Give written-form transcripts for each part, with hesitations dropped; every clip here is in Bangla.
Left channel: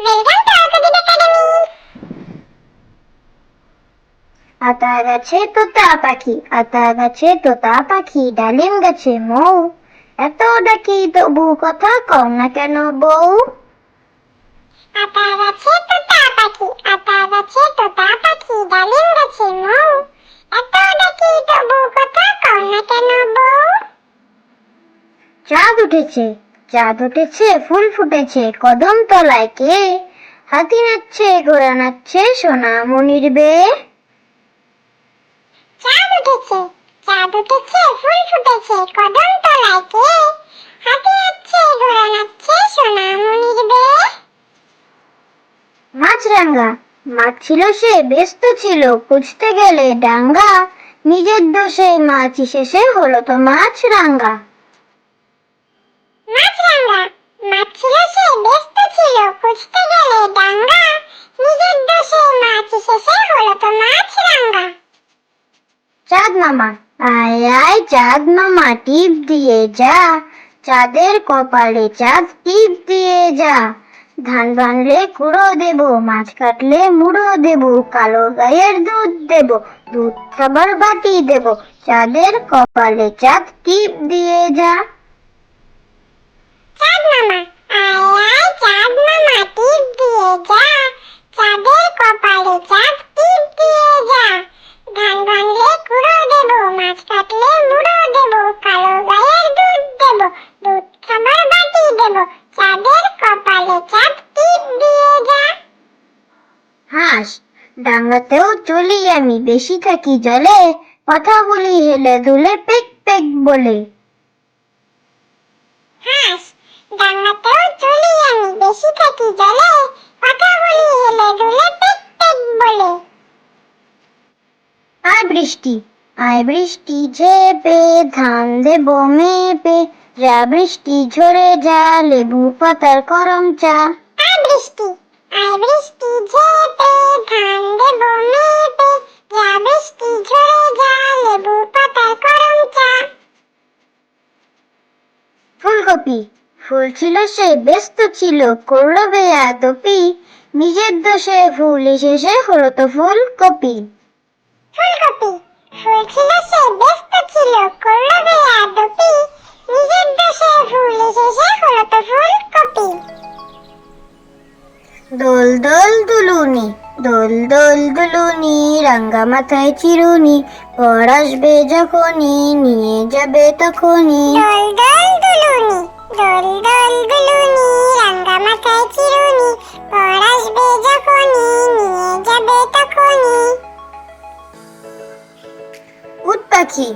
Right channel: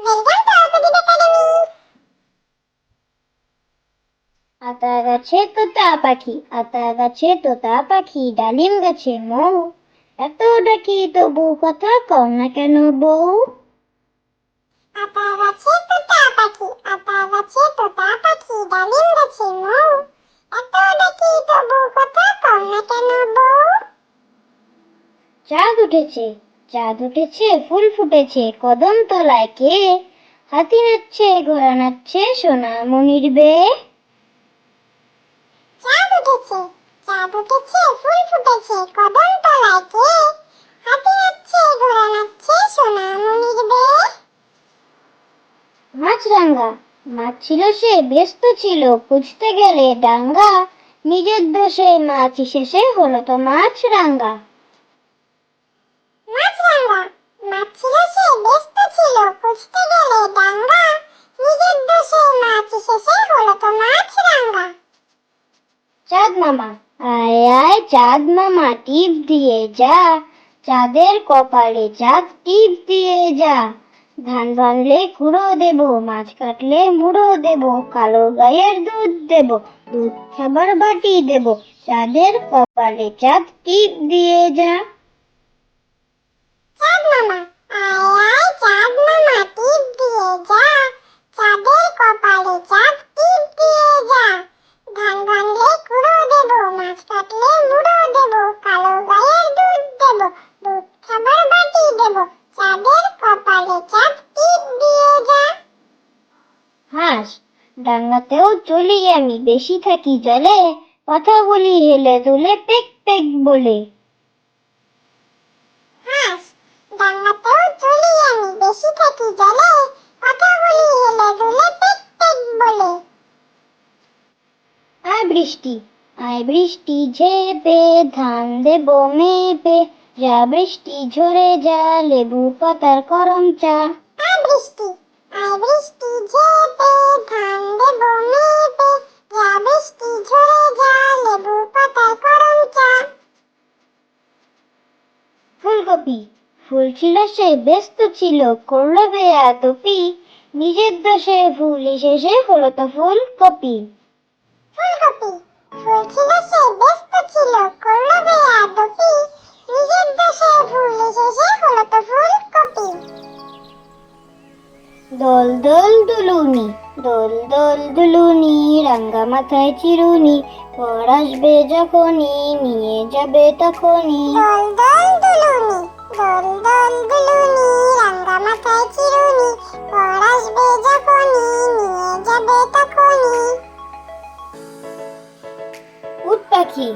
Welcome to Akudin academy. আতা গাছে তোতা পাখি, আতা গাছে তোতা পাখি, ডালিম গাছে মৌ, এত ডাকি তবু কথা কও না কেন বউ? আতা গাছে তোতা পাখি, আতা গাছে তোতা পাখি, ডালিম গাছে মৌ, এত ডাকি তবু কথা কও না কেন বউ? চাঁদ উঠেছে, চাঁদ উঠেছে, ফুল ফুটেছে, কদম তলায় কে? হাতি নাচছে, ঘোড়া নাচছে, সোনামণির বেয়ে। চাঁদ উঠেছে, চাঁদ উঠেছে, ফুল ফুটেছে, কদম তলায় কে? হাতি নাচছে, ঘোড়া নাচছে, সোনামণির বেয়ে। মাছরাঙা, মাছ ছিল সে ব্যস্ত ছিল, খুঁজতে গেলে ডাঙ্গা, নিজের দোষেই মাছ শেষে হলো তো মাছরাঙা। মাছরাঙা, মাছ ছিল সে ব্যস্ত ছিল, খুঁজতে গেলে ডাঙ্গা, নিজের দোষেই মাছ শেষে হলো তো মাছরাঙা। চাঁদ মামা, আয় আয় চাঁদ মামা, টিপ দিয়ে যা, চাঁদের কপালে চাঁদ টিপ দিয়ে যা। ধান ভাঙলে কুড়ো দেব, মাছ কাটলে মুড়ো দেব, কালো গায়ের দুধ দেব, দুধ খাবার বাটি দেব, চাঁদের কপালে চাঁদ টিপ দিয়ে যা। চাঁদ মামা, আয় আয় চাঁদ মামা, টিপ দিয়ে যা, চাঁদের কপালে চাঁদ টিপ দিয়ে যা। ধান ভাঙলে কুড়ো দেব, মাছ কাটলে মুড়ো দেব, কালো গায়ের দুধ দেব, দুধ খাবার বাটি দেব, চাঁদের কপালে চাঁদ টিপ দিয়ে যা। হাঁস, ডাঙ্গাতেও চলি আমি, বেশি থাকি জলে, কথা বলি হেলে দুলে পেক পেক বলে। হাঁস, ডাঙ্গাতেও চলি আমি, বেশি থাকি জলে, কথা বলি হেলে দুলে পেক পেক বলে। আয় বৃষ্টি, আয় বৃষ্টি ঝেপে, ধান দেব মেপে, যা বৃষ্টি ঝরে যা, লেবু পাতার করম চা। আয় বৃষ্টি, আয় বৃষ্টি ঝেপে, ধান দেব মেপে, যা বৃষ্টি ঝরে যা, লেবু পাতার করম চা। ফুলকপি, ফুল ছিল সে ব্যস্ত ছিল, করলো বেয়াদপি, নিজের দোষে ফুল এসেছে হলো তো ফুলকপি। ফুলকপি, ফুল ছিল সে ব্যস্ত ছিল, করলো বেয়াদপি, নিজের দোষে ফুল এসেছে হলো তো ফুলকপি। দোল দোল দুলুনি, দোল দোল দুলুনি, রাঙ্গা মাথায় চিরুনি, পর আসবে যখনই, নিয়ে যাবে তখনই। দোল দোল দুলুনি, দোল দোল দুলুনি, রাঙ্গা মাথায় চিরুনি, পর আসবে যখনই, নিয়ে যাবে তখনই। উট পাখি,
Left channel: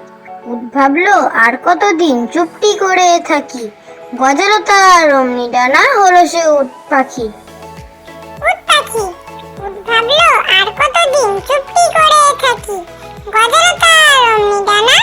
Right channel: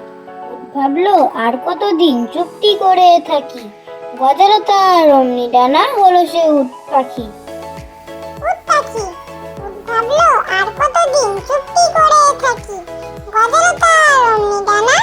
উট ভাবলো আর কতদিন চুপটি করে থাকি, গজালো তার অমনি ডানা, হলো সে উট পাখি। উট পাখি, উট ভাবলো আর কতদিন চুপটি করে থাকি, গজালো তার অমনি ডানা,